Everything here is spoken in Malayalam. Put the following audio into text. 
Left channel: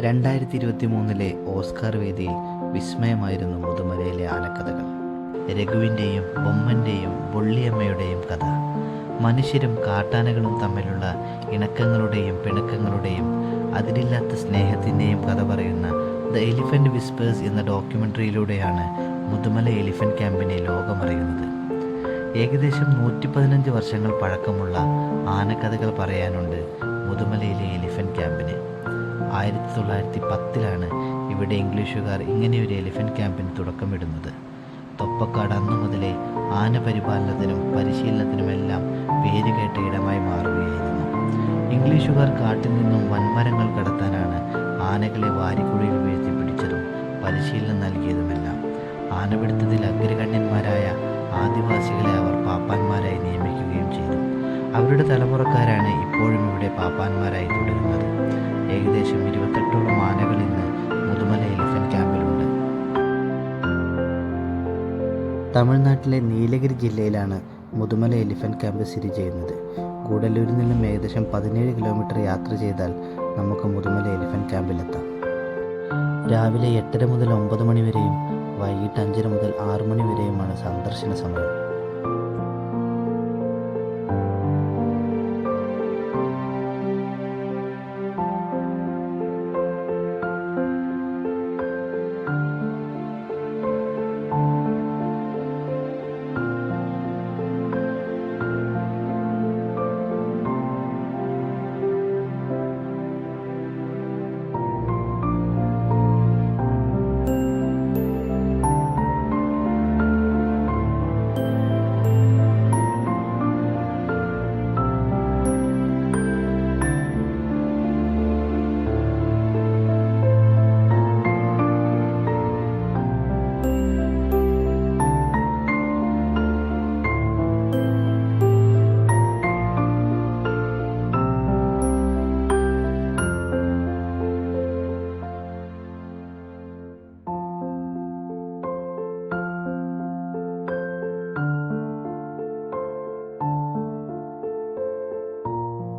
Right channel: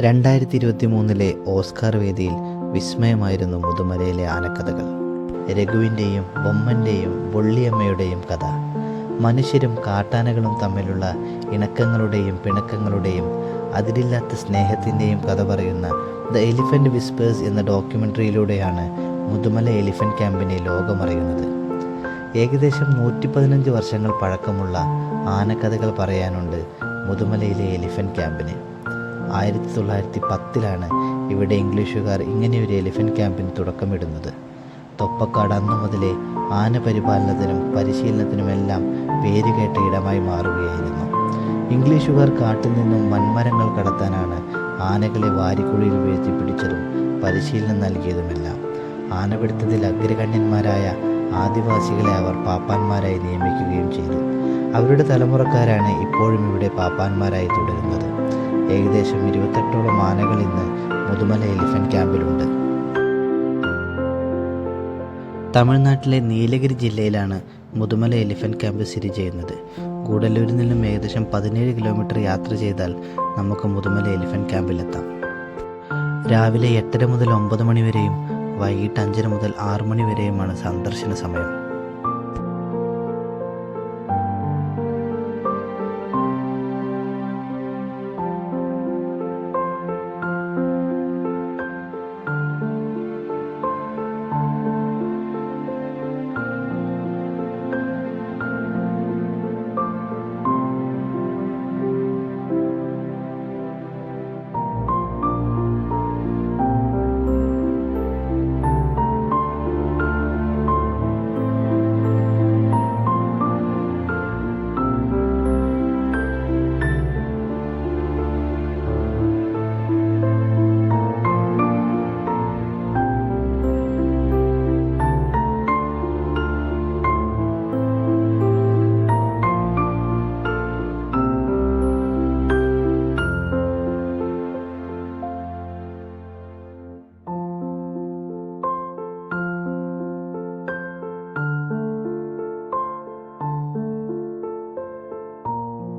2023 ഓസ്കാർ വേദിയിൽ വിസ്മയമായിരുന്നു മുതുമലയിലെ ആനക്കഥകൾ. രഘുവിൻ്റെയും ബൊമ്മൻ്റെയും വൊള്ളിയമ്മയുടെയും കഥ, മനുഷ്യരും കാട്ടാനകളും തമ്മിലുള്ള ഇണക്കങ്ങളുടെയും പിണക്കങ്ങളുടെയും അതിരില്ലാത്ത സ്നേഹത്തിൻ്റെയും കഥ പറയുന്ന ദ എലിഫൻ്റ് വിസ്പേഴ്സ് എന്ന ഡോക്യുമെൻ്ററിയിലൂടെയാണ് മുതുമല എലിഫൻ്റ് ക്യാമ്പിനെ ലോകമറിയുന്നത്. ഏകദേശം 115 വർഷങ്ങൾ പഴക്കമുള്ള ആനക്കഥകൾ പറയാനുണ്ട് മുതുമലയിലെ എലിഫൻ്റ് ക്യാമ്പിന്. 1910 ഇവിടെ ഇംഗ്ലീഷുകാർ ഇങ്ങനെയൊരു എലിഫൻ്റ് ക്യാമ്പിന് തുടക്കമിടുന്നത്. തൊപ്പക്കാട് അന്നു മുതലേ ആന പരിപാലനത്തിനും പരിശീലനത്തിനുമെല്ലാം പേരുകേട്ട ഇടമായി മാറുകയായിരുന്നു. ഇംഗ്ലീഷുകാർ കാട്ടിൽ നിന്നും വൻമരങ്ങൾ കടത്താനാണ് ആനകളെ വാരിക്കുഴിയിൽ വീഴ്ത്തി പിടിച്ചതും പരിശീലനം നൽകിയതുമെല്ലാം. ആനപിടുത്തത്തിൽ അഗ്രഗണ്യന്മാരായ ആദിവാസികളെ അവർ പാപ്പാന്മാരായി നിയമിക്കുകയും ചെയ്തു. അവരുടെ തലമുറക്കാരാണ് ഇപ്പോഴും ഇവിടെ പാപ്പാന്മാരായി തുടരുന്നത്. ഏകദേശം 28ഓളം ആനകൾ ഇന്ന് മുതുമല എലിഫൻ്റ് ക്യാമ്പിലുണ്ട്. തമിഴ്നാട്ടിലെ നീലഗിരി ജില്ലയിലാണ് മുതുമല എലിഫൻ്റ് ക്യാമ്പ് സ്ഥിതി ചെയ്യുന്നത്. ഗൂഡല്ലൂരിൽ നിന്നും ഏകദേശം 17 കിലോമീറ്റർ യാത്ര ചെയ്താൽ നമുക്ക് മുതുമല എലിഫൻ്റ് ക്യാമ്പിലെത്താം. രാവിലെ 8:30 മുതൽ 9 മണി വരെയും വൈകിട്ട് 5:30 മുതൽ 6 മണി വരെയുമാണ് സന്ദർശന സമയം.